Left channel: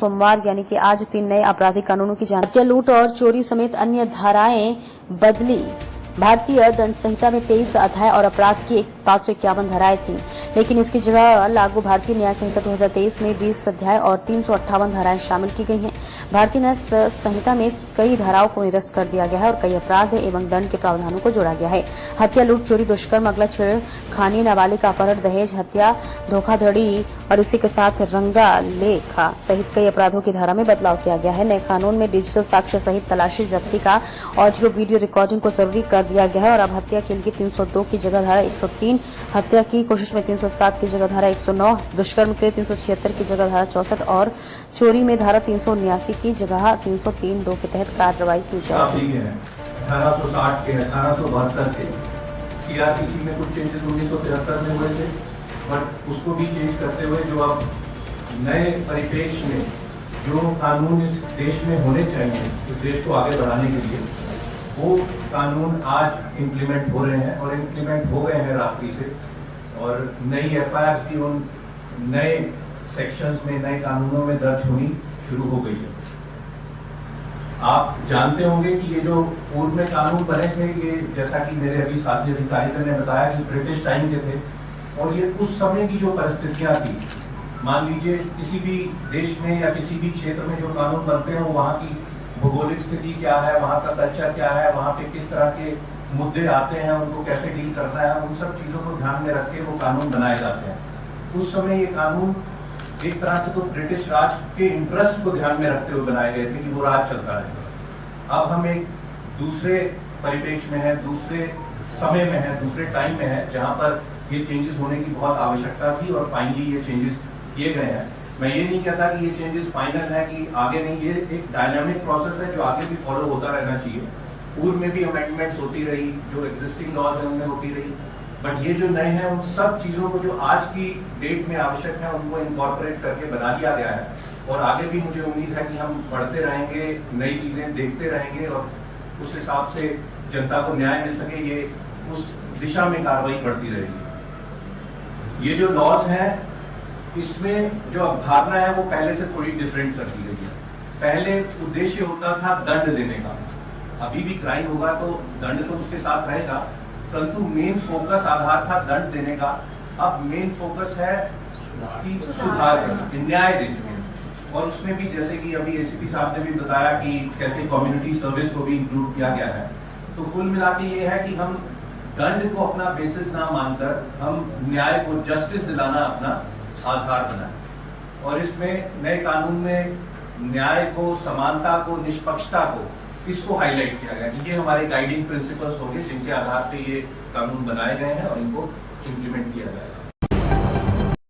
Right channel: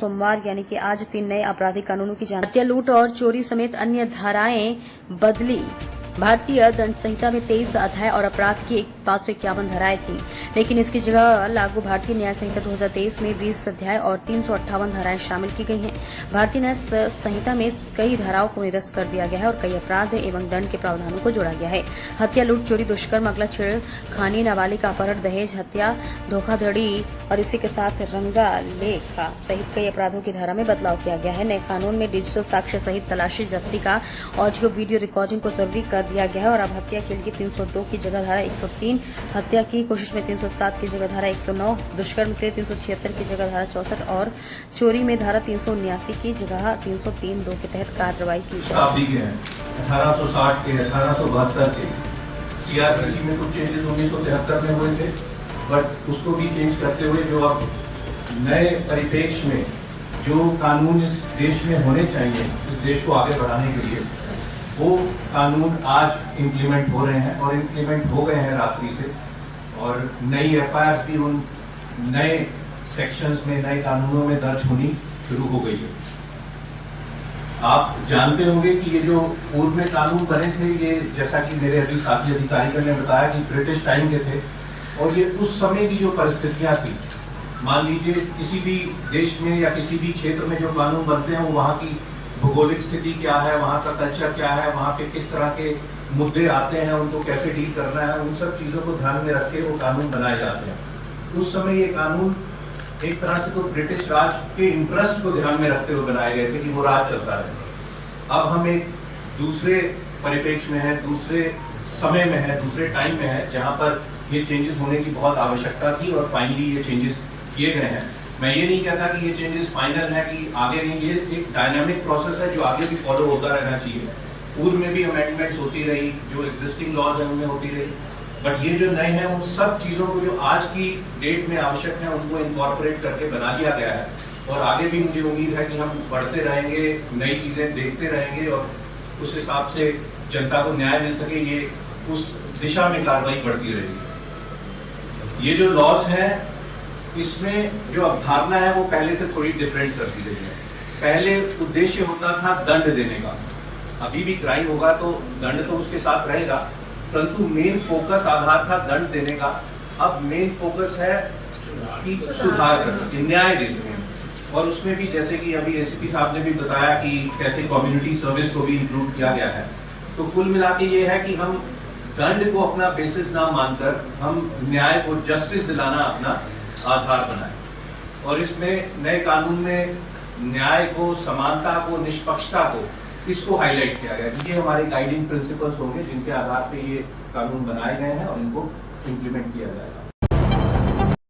सोमवार यानी कि आज 3 नए आपराधिक कानूनों की हत्या, लूट और चोरी समेत अन्य धाराएं बदली। भारतीय दंड संहिता में 23 अध्याय और अपराध की 551 धाराएं थी, लेकिन इसकी जगह लागू भारतीय न्याय संहिता 2023 में 20 अध्याय और 358 धाराएं शामिल की गई हैं। भारतीय न्याय संहिता में कई धाराओं को निरस्त कर दिया गया है और कई अपराध एवं दंड के प्रावधानों को जोड़ा गया है। हत्या, लूट, चोरी, दुष्कर्म, अगला, छेड़खानी, नाबालिग अपहरण, दहेज, हत्या, धोखाधड़ी और इसी के साथ रंगा लेखा सहित कई अपराधों की धारा में बदलाव किया गया है। नए कानून में डिजिटल साक्ष्य सहित तलाशी, जब्ती का ऑडियो वीडियो रिकॉर्डिंग को जरूरी कर दिया गया है और अब हत्या के लिए 302 की जगह धारा 103, हत्या की कोशिश में 307 की जगह धारा 109, दुष्कर्म के लिए 376 की जगह धारा 64 और चोरी में धारा 379 की जगह 303(2) के तहत कार्रवाई की जाएगी। 1860 के 1872 के सीआरपीसी में कुछ चेंजेस 1973 में हुए थे, बट उसको भी चेंज करते हुए जो अब नए परिप्रेक्ष्य में जो कानून इस देश में होने चाहिए, इस देश को आगे बढ़ाने के लिए, वो कानून आज इम्प्लीमेंट हो रहे हैं और इम्प्लीमेंट हो गए हैं रात्रि से। और नई एफआईआर भी उन नए सेक्शंस में, नए कानूनों में दर्ज होनी शुरू हो गई है। आप जानते होंगे कि ये जो पूर्व में कानून बने थे, ये जैसा कि मेरे अभी साथी अधिकारियों ने बताया कि ब्रिटिश टाइम के थे और ये उस समय की जो परिस्थितियां थी, मान लीजिए किसी भी देश में या किसी भी क्षेत्र में जो कानून बनते हैं वो वहाँ की भौगोलिक स्थिति क्या है, वहाँ का कल्चर क्या है, वहाँ पे किस तरह के मुद्दे आते हैं, उनको कैसे डील करना है, उन सब चीजों को ध्यान में रख के वो कानून बनाए जाते हैं। उस समय ये कानून एक तरह से तो ब्रिटिश राज के इंटरेस्ट को ध्यान में रखते हुए बनाए गए थे कि वो राज चलता रहे। अब हम एक दूसरे परिप्रेक्ष्य में है, दूसरे समय में है, दूसरे टाइम में है, जहाँ पर ये चेंजेस होने की बहुत आवश्यकता थी और फाइनली ये चेंजेस किए गए हैं। मैं ये नहीं कहता कि ये चेंजेस फाइनल है कि आगे नहीं, ये एक डायनामिक प्रोसेस है जो आगे भी फॉलो होता रहना चाहिए। पूर्व में भी अमेंडमेंट्स होती रही, जो एग्जिस्टिंग लॉज है उनमें होती रही, बट ये जो नए हैं उन सब चीजों को जो आज की डेट में आवश्यक है उनको इनकॉर्पोरेट करके बना लिया गया है। और आगे भी मुझे उम्मीद है कि हम बढ़ते रहेंगे, नई चीजें देखते रहेंगे और उस हिसाब से जनता को न्याय मिल सके, ये उस दिशा में कार्रवाई बढ़ती रहेगी। ये जो लॉज हैं इसमें जो अवधारणा है वो पहले से थोड़ी डिफरेंट कर दी गई है। पहले उद्देश्य होता था दंड देने का, अभी भी क्राइम होगा तो दंड तो उसके साथ रहेगा, परंतु मेन फोकस आधार था दंड देने का। अब मेन फोकस है कि सुधार कर सके, न्याय दे सके। और उसमें भी जैसे कि अभी एसीपी साहब ने भी बताया कि कैसे कम्युनिटी सर्विस को भी इंक्लूड किया गया है। तो कुल मिला के ये है कि हम दंड को अपना बेसिस ना मानकर हम न्याय को, जस्टिस दिलाना अपना आधार बनाए। और इसमें नए कानून में न्याय को, समानता को, निष्पक्षता को, इसको हाईलाइट किया गया। ये हमारे गाइडिंग प्रिंसिपल्स होंगे जिनके आधार पे ये कानून बनाए गए हैं और इनको इम्प्लीमेंट किया जाएगा।